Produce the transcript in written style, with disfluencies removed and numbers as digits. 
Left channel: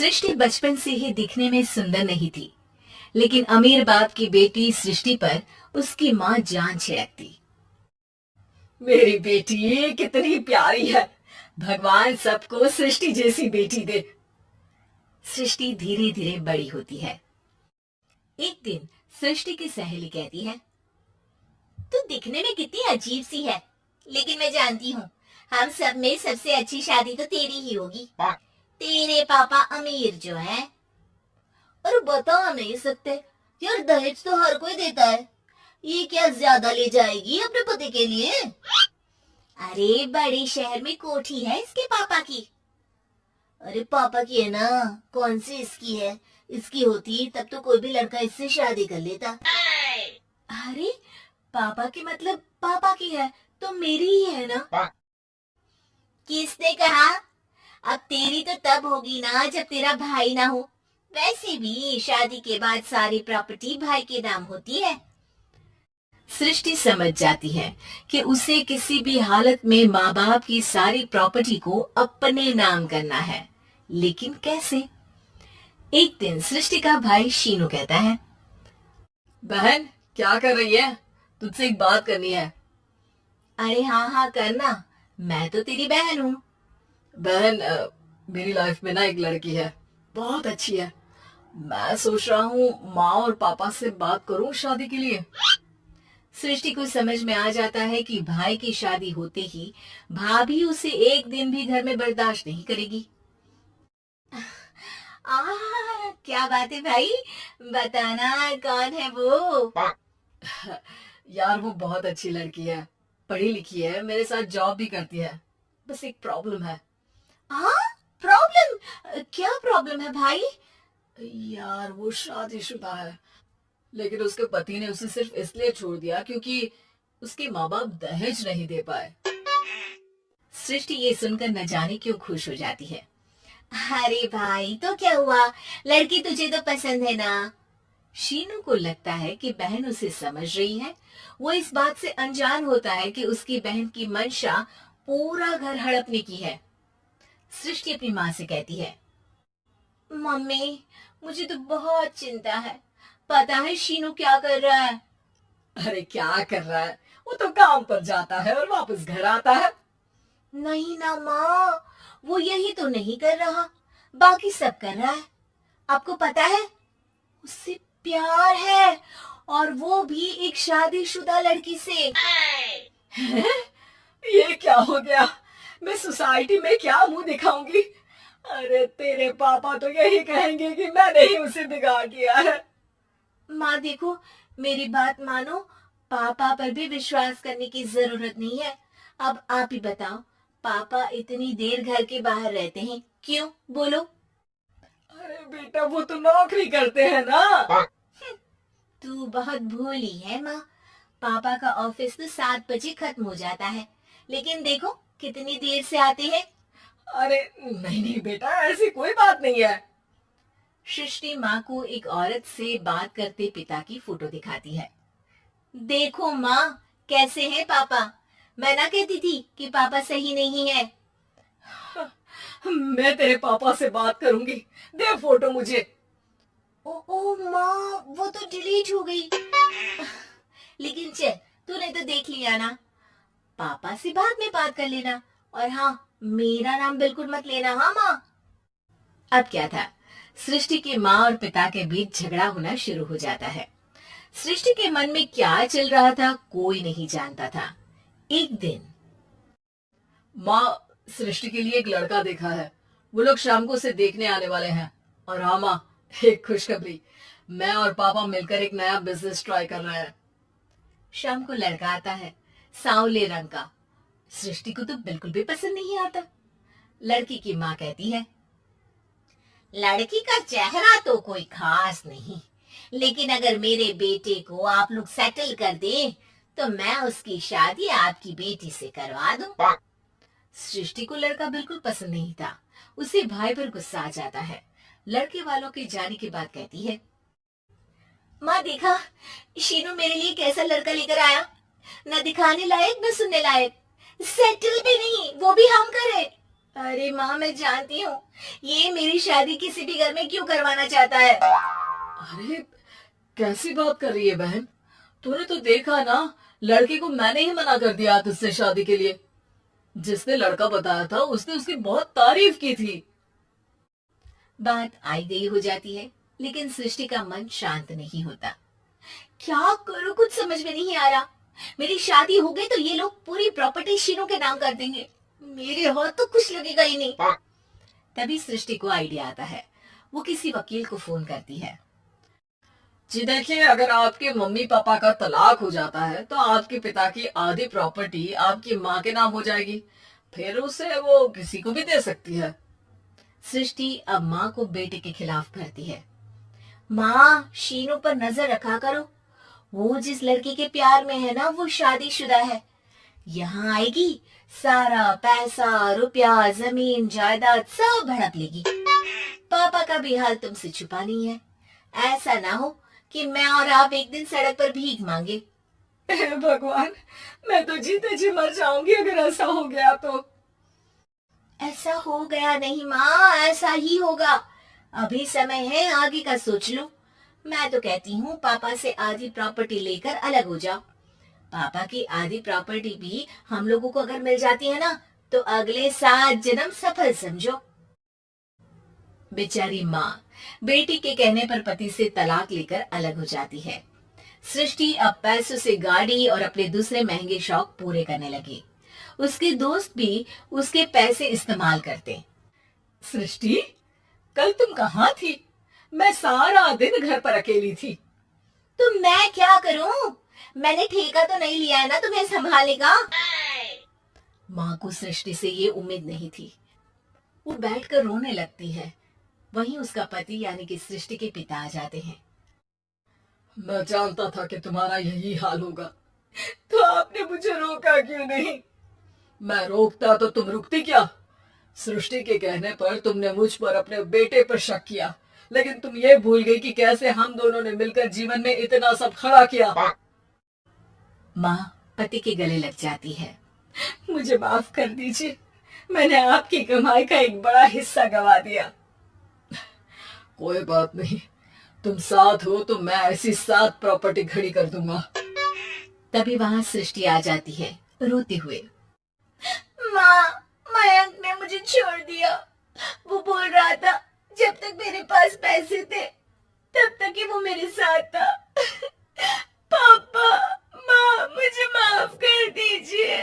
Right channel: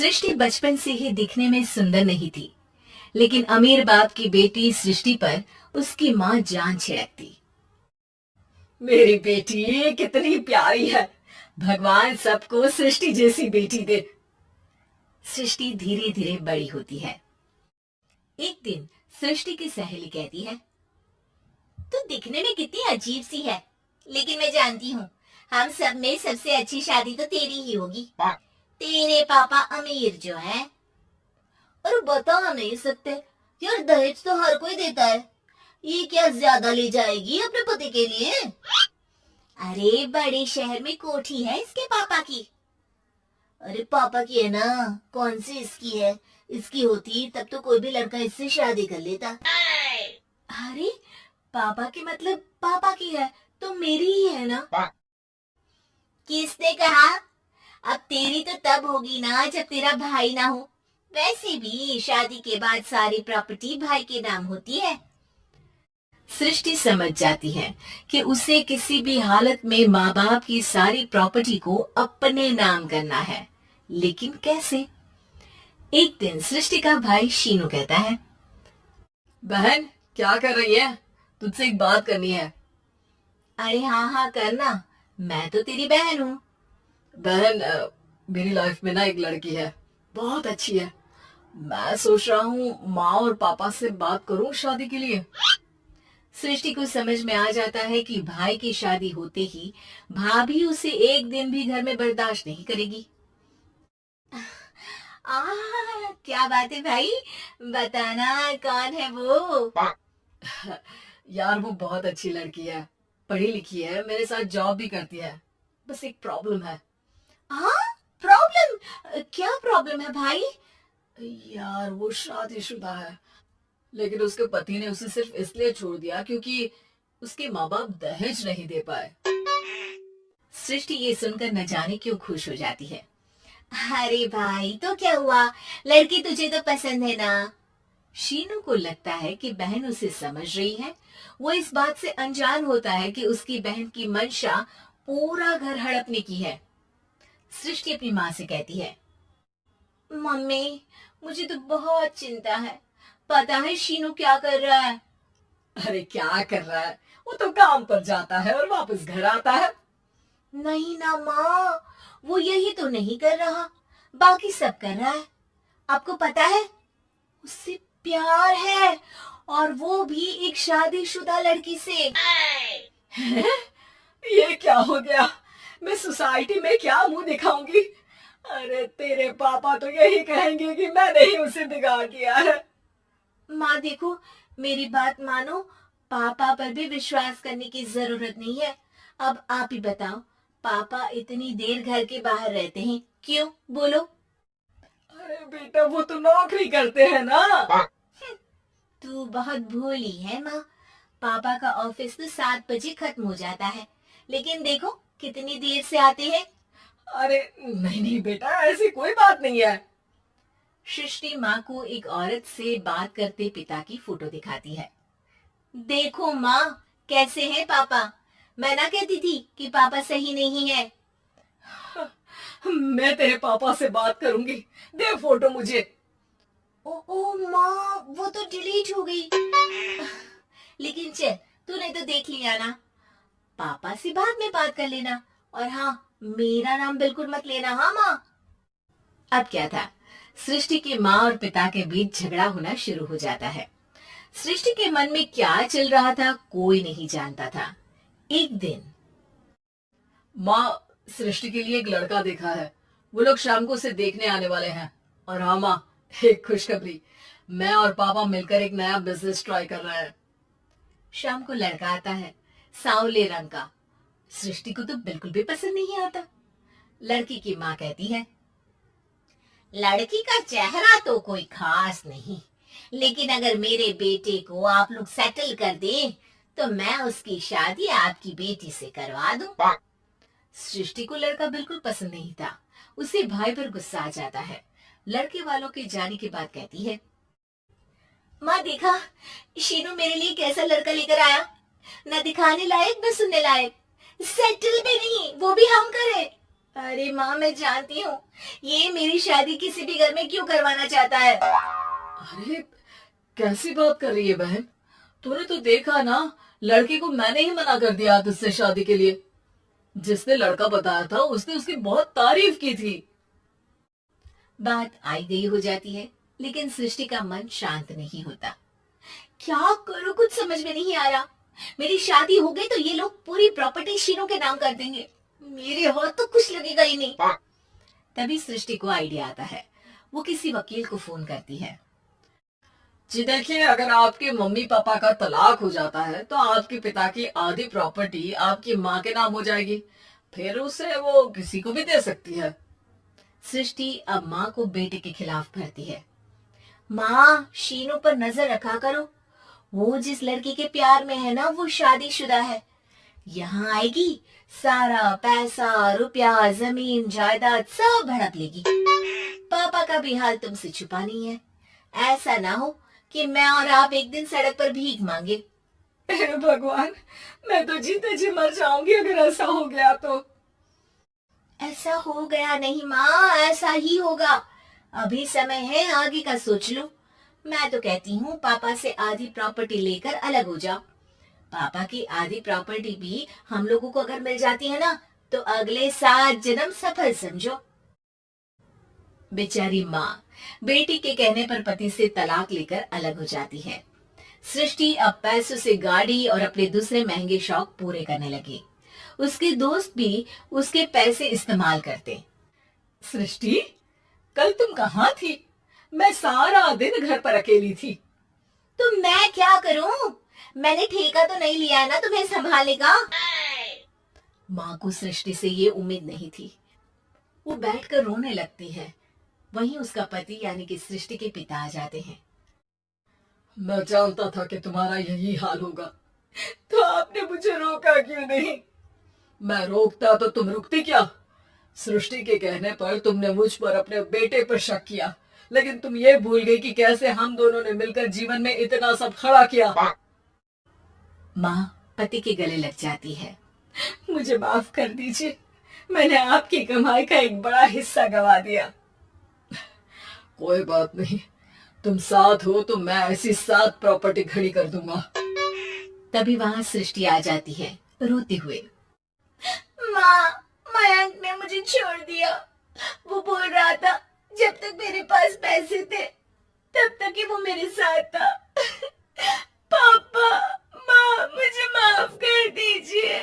सृष्टि बचपन से ही दिखने में सुंदर नहीं थी, लेकिन अमीर बाप की बेटी सृष्टि पर उसकी माँ जान छिड़कती। मेरी बेटी कितनी प्यारी है, भगवान सबको सृष्टि जैसी बेटी दे। सृष्टि धीरे धीरे बड़ी होती है। एक दिन सृष्टि की सहेली कहती है, तू दिखने में कितनी अजीब सी है, लेकिन मैं जानती हूँ हम सब में सबसे अच्छी शादी तो तेरी ही होगी। तेरे पापा अमीर जो है। और बता नहीं सकते यार, दहेज तो हर कोई देता है, ये क्या ज्यादा ले जाएगी अपने पति के लिए? अरे बड़े शहर में कोठी है इसके पापा की। अरे पापा की है ना, कौन सी इसकी है? इसकी होती तब तो कोई भी लड़का इससे शादी कर लेता। अरे पापा की मतलब पापा की है तो मेरी ही है ना? किसने कहा? अब तेरी तो तब होगी ना जब तेरा भाई ना हो। वैसे भी शादी के बाद सारी प्रॉपर्टी भाई के नाम होती है। सृष्टि समझ जाती है कि उसे किसी भी हालत में माँ बाप की सारी प्रॉपर्टी को अपने नाम करना है, लेकिन कैसे? एक दिन सृष्टि का भाई शीनू कहता है, बहन क्या कर रही है? तुझसे एक बात करनी है। अरे हाँ हाँ करना, मैं तो तेरी बहन हूँ। बहन मेरी लाइफ में ना एक लड़की है, बहुत अच्छी है। मैं सोच रहा हूँ माँ और पापा से बात करूँ शादी के लिए। सृष्टि को समझ में आ जाता है कि भाई की शादी होते ही भाभी उसे एक दिन भी घर में बर्दाश्त नहीं करेगी। क्या बात है भाई, बताना कौन है वो? यार वो बहुत अच्छी लड़की है, पढ़ी लिखी है, मेरे साथ जॉब भी करती है। बस एक प्रॉब्लम है। प्रॉब्लम? क्या प्रॉब्लम है भाई? यार वो शादीशुदा है, लेकिन उसके पति ने उसे सिर्फ इसलिए छोड़ दिया क्योंकि उसके माँ बाप दहेज नहीं दे पाए। सृष्टि ये सुनकर न जाने क्यों खुश हो जाती है। अरे भाई तो क्या हुआ, लड़की तुझे तो पसंद है ना? शीनू को लगता है कि बहन उसे समझ रही है। वो इस बात से अनजान होता है कि उसकी बहन की मंशा पूरा घर हड़पने की है। सृष्टि अपनी माँ से कहती है, मम्मी मुझे तो बहुत चिंता है, पता है शीनू क्या कर रहा है? अरे क्या कर रहा है, वो तो काम पर जाता है और वापस घर आता है। नहीं ना माँ, वो यही तो नहीं कर रहा, बाकी सब कर रहा है। आपको पता है उससे प्यार है, और वो भी एक शादीशुदा लड़की से। हैं? ये क्या हो गया? मैं सोसाइटी में क्या मुंह दिखाऊंगी? अरे तेरे पापा तो यही कहेंगे कि मैंने ही उसे बिगाड़ दिया है। माँ देखो, मेरी बात मानो, पापा पर भी विश्वास करने की जरूरत नहीं है। अब आप ही बताओ, पापा इतनी देर घर के बाहर रहते हैं क्यों, बोलो? अरे बेटा वो तो नौकरी करते हैं ना। तू बहुत भोली है माँ। पापा का ऑफिस तो 7 बजे खत्म हो जाता है, लेकिन देखो कितनी देर से आते हैं। अरे नहीं नहीं बेटा, ऐसी कोई बात नहीं है। सृष्टि माँ को एक औरत से बात करते पिता की फोटो दिखाती है। देखो माँ कैसे हैं पापा, मैं ना कहती थी कि पापा सही नहीं है। मैं तेरे पापा से बात करूंगी, दे फोटो मुझे। ओ माँ, वो तो डिलीट हो गई। लेकिन चल, तूने तो देख लिया ना, पापा से बाद में बात कर लेना। और हाँ, मेरा नाम बिल्कुल मत लेना, हाँ माँ? अब क्या था, सृष्टि के माँ और पिता के बीच झगड़ा होना शुरू हो जाता है। सृष्टि के मन में क्या चल रहा था कोई नहीं जानता था। एक दिन, माँ सृष्टि के लिए एक लड़का देखा है, वो लोग शाम को उसे देखने आने वाले हैं। और हाँ माँ, एक खुशखबरी, मैं और पापा मिलकर एक नया बिजनेस ट्राई कर रहे हैं। शाम को लड़का आता है, सांवले रंग का। सृष्टि को तो बिल्कुल भी पसंद नहीं आता। लड़की की माँ कहती है, लड़की का चेहरा तो कोई खास नहीं, लेकिन अगर मेरे बेटे को आप लोग सेटल कर दें तो मैं उसकी शादी आपकी बेटी से करवा दूं। सृष्टि को लड़का बिल्कुल पसंद नहीं था। उसे भाई पर गुस्सा आ जाता है। लड़के वालों के जाने के बाद कहती है, माँ देखा शीनू मेरे लिए कैसा लड़का लेकर आया, न दिखाने लायक न सुनने लायक, सेटल भी नहीं, वो भी हम करें। अरे माँ मैं जानती हूँ ये मेरी शादी किसी भी घर में क्यों करवाना चाहता है? अरे कैसी बात कर रही है बहन, तूने तो देखा ना, लड़के को मैंने ही मना कर दिया तुझसे शादी के लिए। जिसने लड़का बताया था उसने उसकी बहुत तारीफ की थी। बात आई गई हो जाती है, लेकिन सृष्टि का मन शांत नहीं होता। क्या करूं, कुछ समझ में नहीं आ रहा। मेरी शादी हो गई तो ये लोग पूरी प्रॉपर्टी शीनू के नाम कर देंगे, मेरे हाथ तो कुछ लगेगा ही नहीं। तभी सृष्टि को आइडिया आता है। वो किसी वकील को फोन करती है। जी देखिए, अगर आपके मम्मी पापा का तलाक हो जाता है तो आपके पिता की आधी प्रॉपर्टी आपकी माँ के नाम हो जाएगी, फिर उसे वो किसी को भी दे सकती है। सृष्टि अब माँ को बेटे के खिलाफ भरती है। माँ, शीनू पर नजर रखा करो। वो जिस लड़के के प्यार में है ना, वो शादीशुदा है। यहाँ आएगी, सारा पैसा, रुपया, जमीन, जायदाद सब भड़क लेगी। पापा का भी हाल तुमसे छुपा नहीं है। ऐसा ना हो कि मैं और आप एक दिन सड़क पर भीख मांगे। हे भगवान, मैं तो जीते जी मर जाऊंगी अगर ऐसा हो गया तो। ऐसा हो गया नहीं माँ, ऐसा ही होगा। अभी समय है, आगे का सोच लो। मैं तो कहती हूँ पापा से आधी प्रॉपर्टी लेकर अलग हो जाओ। पापा की आधी प्रॉपर्टी भी हम लोगों को अगर मिल जाती है ना, तो अगले 7 जन्म सफल समझो। बेचारी माँ बेटी के कहने पर पति से तलाक लेकर अलग हो जाती है। सृष्टि अब पैसों से गाड़ी और अपने दूसरे महंगे शौक पूरे करने लगी। उसके दोस्त भी उसके पैसे इस्तेमाल करते। सृष्टि, कल तुम कहाँ थी? मैं सारा दिन घर पर अकेली थी। तो मैं क्या करूं? मैंने ठेका तो नहीं लिया है ना तुम्हें संभालने का। माँ को सृष्टि से ये उम्मीद नहीं थी। वो बैठकर रोने लगती है। वहीं उसका पति यानी कि सृष्टि के पिता आ जाते हैं। मैं जानता था कि तुम्हारा यही हाल होगा, तो आपने मुझे रोका क्यों नहीं? मैं रोकता तो तुम रुकती क्या? सृष्टि के कहने पर तुमने मुझ पर, अपने बेटे पर शक किया, लेकिन तुम ये भूल गई कि कैसे हम दोनों ने मिलकर जीवन में इतना सब खड़ा किया। माँ पति के गले लग जाती है। मुझे माफ कर दीजिए, मैंने आपकी कमाई का एक बड़ा हिस्सा गवा दिया। कोई बात नहीं, तुम साथ हो तो मैं ऐसी 7 प्रॉपर्टी खड़ी कर दूंगा। तभी वहां सृष्टि आ जाती है रोते हुए। माँ, मयंक ने मुझे छोड़ दिया। वो बोल रहा था जब तक मेरे पास पैसे थे तब तक ही वो मेरे साथ था। पापा, माँ, मुझे माफ कर दीजिए।